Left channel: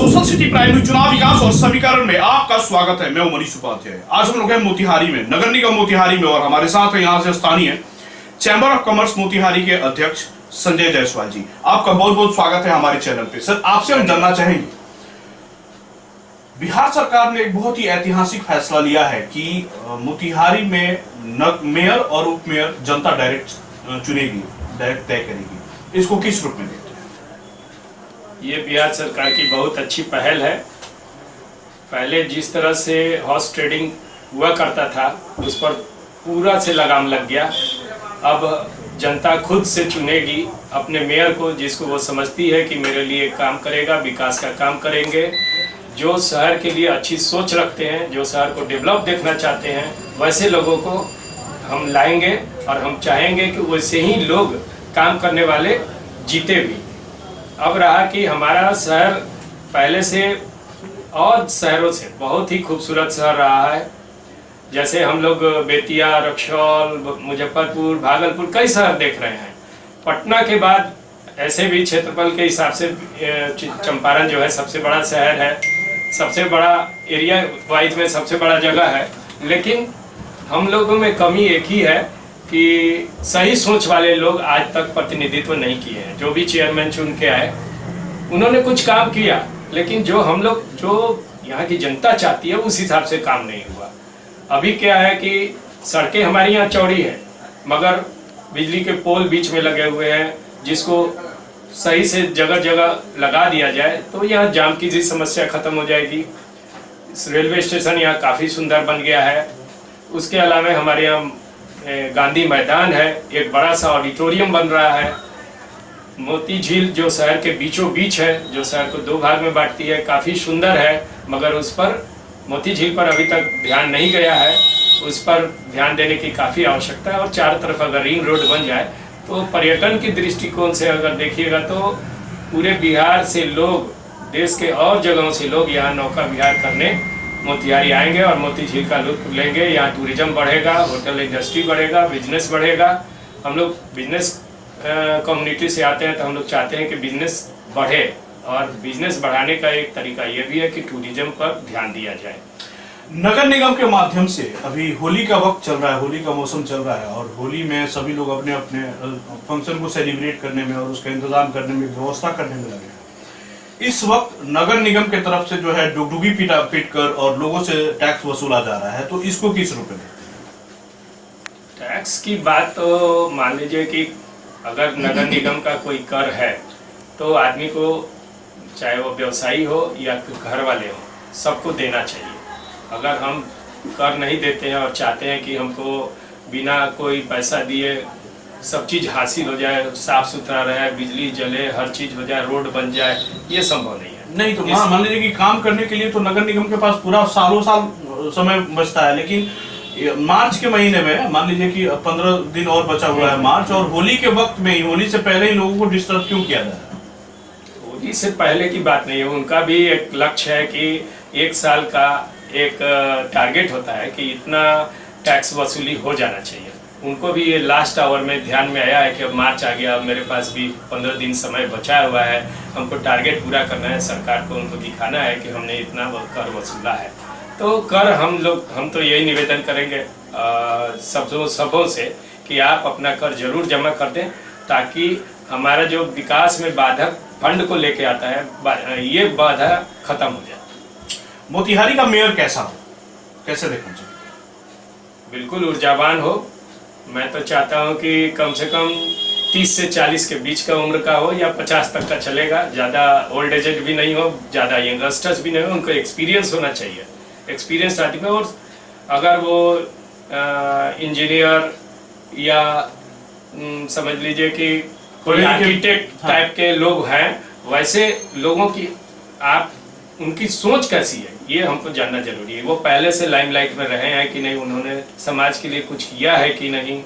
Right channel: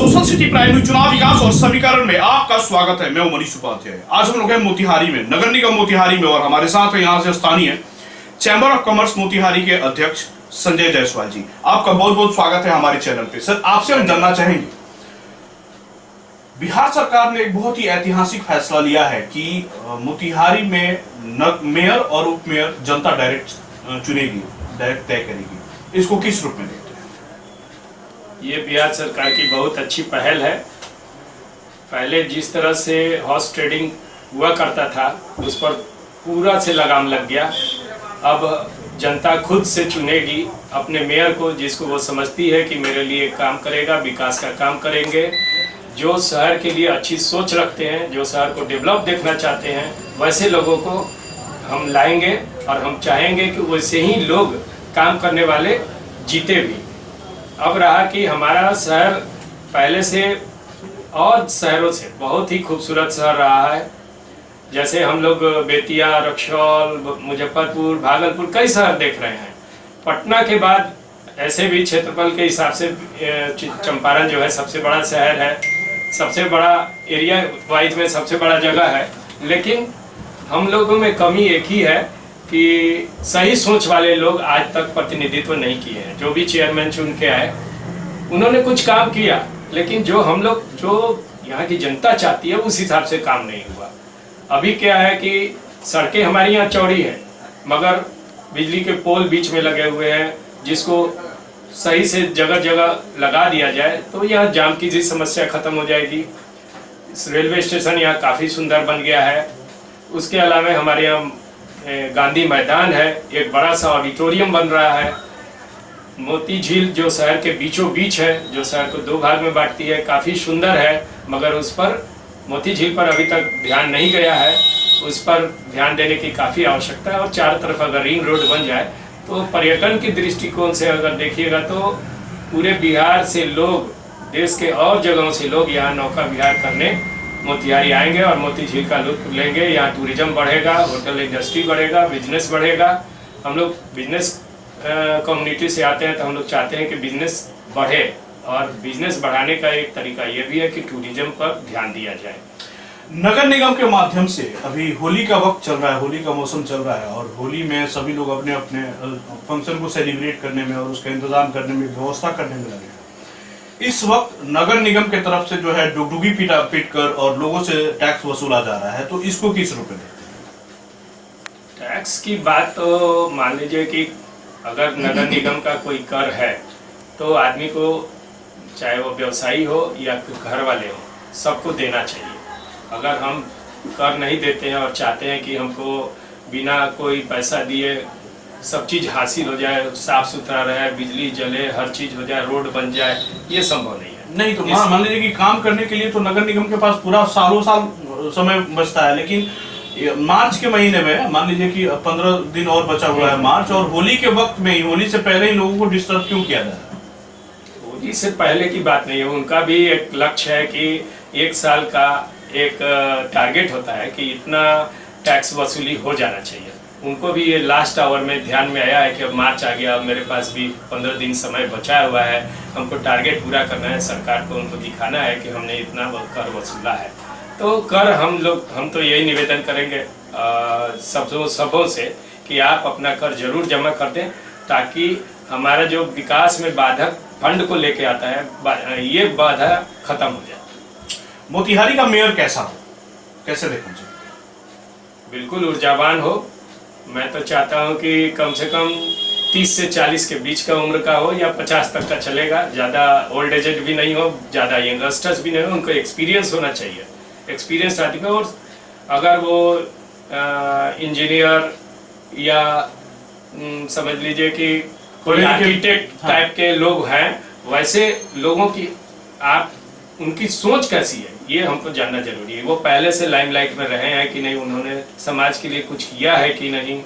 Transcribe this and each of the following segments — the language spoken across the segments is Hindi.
सोशल सिटी प्राइम न्यूज चुनाव विकास और समीकरण में आपका स्वागत है। मैं हूं मनीष उपाध्याय। आज हम लोग हैं मोतिहारी में, नगर निगम मोतिहारी में, और हमारे साथ है यहाँ से स्थानीय चैंबर ऑफ कॉमर्स मोतिहारी के अध्यक्ष संजय जायसवाल जी। आपका बहुत बहुत स्वागत है हमारे चैनल पे। सर, आपसे हम जानना चाहेंगे, बिहार सरकार ने एक बहुत ही ऐतिहासिक फैसला लिया है कि मोतिहारी में मेयर और उप मेयर जनता डायरेक्ट चुनेगी, डायरेक्ट तय करेगी। इसको किस रूप में देखते हैं? ये बिहार सरकार की बहुत अच्छी पहल है। पहले जिस तरह से हॉर्स ट्रेडिंग हुआ करता था उस पर पूरा से लगाम लग गया। अब जनता खुद से चुनेगी अपने मेयर को, जिसको वो समझती है कि मेरे लिए काम करेगा, विकास का काम करेंगे, जो शहर के लिए अच्छी सोच रखते हैं, जो शहर को डेवलप देखना चाहते हैं, वैसे लोगों को हम लाएंगे और हम चाहेंगे कि वैसे ही लोग काम करने वाले जीते भी। अब रहा कि हमारा शहर पहले से और शहरों से बहुत ही खूबसूरत शहर रहा है। जैसे हम लोग बेतिया, रक्सौल, मुजफ्फरपुर, भागलपुर कई शहर देख रहे हैं। पटना के बाद ऐसे भी क्षेत्रफल के हिसाब से चंपारण जो है सबसे बड़ा शहर है, सबसे बड़ा एरिया वाइज में सबसे बड़ा जगह है। लेकिन हम लोगों में कमी एक ही है कि सही सोच वाले लोग आज तक प्रतिनिधित्व नहीं किए हैं। जो भी चेयरमैन चुन के आए उन्होंने कुछ काम किया, लेकिन जो हम लोग, जो यहाँ की जनता चाहती है उस हिसाब से काम नहीं हुआ। अभी क्या है कि सड़कें हमारी यहाँ चौड़ी है, मगर बिजली के पोल बीच में लगे हुए हैं, जिसको सही से जगह जगह लगा दिया जाए तो यहाँ जाम की भी समस्या खत्म हो जाएगी। रेलवे स्टेशन यहाँ काफ़ी सुंदर बन गया है। उसके अलावा हमारे यहाँ गांधी मैदान है, एक बड़ा सा ऑडिटोरियम बन रहा है। मोती झील जो शहर के बीचों बीच है, जो शहर को दो भाग में बांटती है, काफ़ी सुंदर है, मगर उस पर मोती झील पर अभी तक ध्यान नहीं गया है। उस पर ध्यान देने की काफ़ी आवश्यकता है। और चारों तरफ अगर रिंग रोड बन जाए तो पर्यटन की दृष्टिकोण से अगर देखिएगा तो पूरे बिहार से लोग, देश के और जगहों से लोग यहाँ नौका विहार करने मोतिहारी आएंगे और मोती झील का लुत्फ लेंगे। यहाँ टूरिज्म बढ़ेगा, होटल इंडस्ट्री बढ़ेगा, बिजनेस बढ़ेगा। हम लोग बिजनेस कम्युनिटी से आते हैं तो हम लोग चाहते हैं कि बिजनेस बढ़े, और बिजनेस बढ़ाने का एक तरीका ये भी है कि टूरिज्म पर ध्यान दिया जाए। नगर निगम के माध्यम से अभी होली का वक्त चल रहा है, होली का मौसम चल रहा है, और होली में सभी लोग अपने अपने फंक्शन को सेलिब्रेट करने में और उसका इंतजाम करने में, व्यवस्था करने में लगे हैं। इस वक्त नगर निगम के तरफ से जो है डुगडुगी पीट कर और लोगों से टैक्स वसूला जा रहा है, तो इसको किस रूप में देखते हैं? टैक्स की बात तो मान लीजिए कि अगर नगर निगम का कोई कर है तो आदमी को, चाहे वो व्यवसायी हो या घर वाले हो, सबको देना चाहिए। अगर हम कर नहीं देते हैं और चाहते हैं कि हमको बिना कोई पैसा दिए सब चीज़ हासिल हो जाए, साफ सुथरा रहे, बिजली जले, हर चीज़ हो जाए, रोड बन जाए, ये संभव नहीं है। नहीं तो मान लीजिए कि काम करने के लिए तो नगर निगम के पास पूरा सालों साल समय बचता है, लेकिन मार्च के महीने में मान लीजिए कि 15 दिन और बचा हुआ है मार्च, और होली के वक्त में ही, होली से पहले ही लोगों को डिस्टर्ब क्यों किया जा रहा है? होली से पहले की बात नहीं है। उनका भी एक लक्ष्य है कि एक साल का एक टारगेट होता है कि इतना टैक्स वसूली हो जाना चाहिए। उनको भी ये लास्ट आवर में ध्यान में आया है कि अब मार्च आ गया, मेरे पास भी 15 दिन समय बचा हुआ है, हमको टारगेट पूरा करना है, सरकार को उनको दिखाना है कि हमने इतना कर वसूला है। तो कर हम तो यही निवेदन करेंगे सबों से कि आप अपना कर जरूर जमा कर दें, ताकि हमारा जो विकास में बाधक फंड को लेके आता है, ये बाधा खत्म हो जाए। मोतिहारी का मेयर कैसा हो, कैसे देखना चाहिए? बिल्कुल ऊर्जावान हो। मैं तो चाहता हूं कि कम से कम 30 से 40 के बीच का उम्र का हो, या 50 तक का चलेगा। ज़्यादा ओल्ड एजेड भी नहीं हो, ज़्यादा यंगस्टर्स भी नहीं हो। उनको एक्सपीरियंस होना चाहिए, एक्सपीरियंस आदमी। और अगर वो इंजीनियर या समझ लीजिए कि कोई आर्किटेक्ट टाइप के लोग हैं, वैसे लोगों की आप उनकी सोच कैसी है ये हमको जानना जरूरी है। वो पहले से लाइमलाइट में रहे हैं कि नहीं, उन्होंने समाज के लिए कुछ किया है कि नहीं,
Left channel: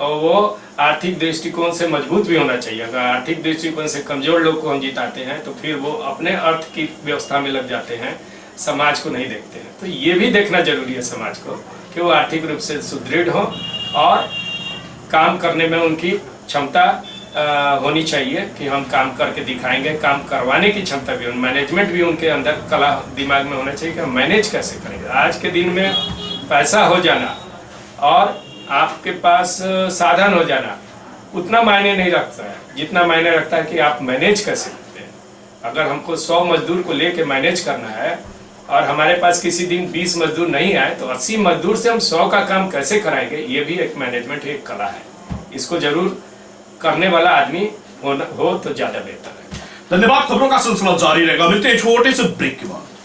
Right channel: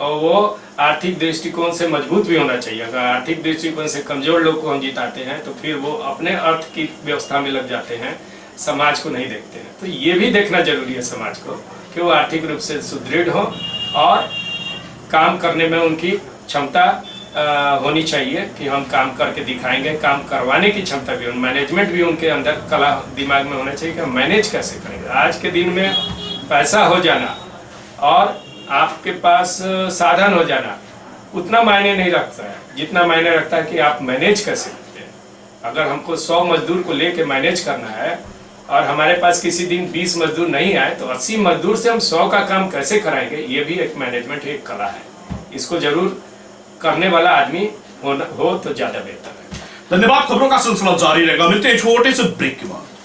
और वो आर्थिक दृष्टिकोण से मजबूत भी होना चाहिए। अगर आर्थिक दृष्टिकोण से कमजोर लोग को हम जिताते हैं तो फिर वो अपने अर्थ की व्यवस्था में लग जाते हैं, समाज को नहीं देखते हैं। तो ये भी देखना जरूरी है समाज को कि वो आर्थिक रूप से सुदृढ़ हो और काम करने में उनकी क्षमता होनी चाहिए कि हम काम करके दिखाएंगे, काम करवाने की क्षमता भी, मैनेजमेंट भी उनके अंदर कला दिमाग में होना चाहिए कि हम मैनेज कैसे करेंगे। आज के दिन में पैसा हो जाना और आपके पास साधन हो जाना उतना मायने नहीं रखता है जितना मायने रखता है कि आप मैनेज कैसे करते हैं। अगर हमको 100 मजदूर को लेके मैनेज करना है और हमारे पास किसी दिन 20 मजदूर नहीं आए तो 80 मजदूर से हम 100 का काम कैसे कराएंगे, ये भी एक मैनेजमेंट, एक कला है। इसको जरूर करने वाला आदमी हो तो ज्यादा बेहतर है। धन्यवाद। खबरों का सिलसिला जारी रहेगा, मिलते हैं छोटे से ब्रेक के बाद।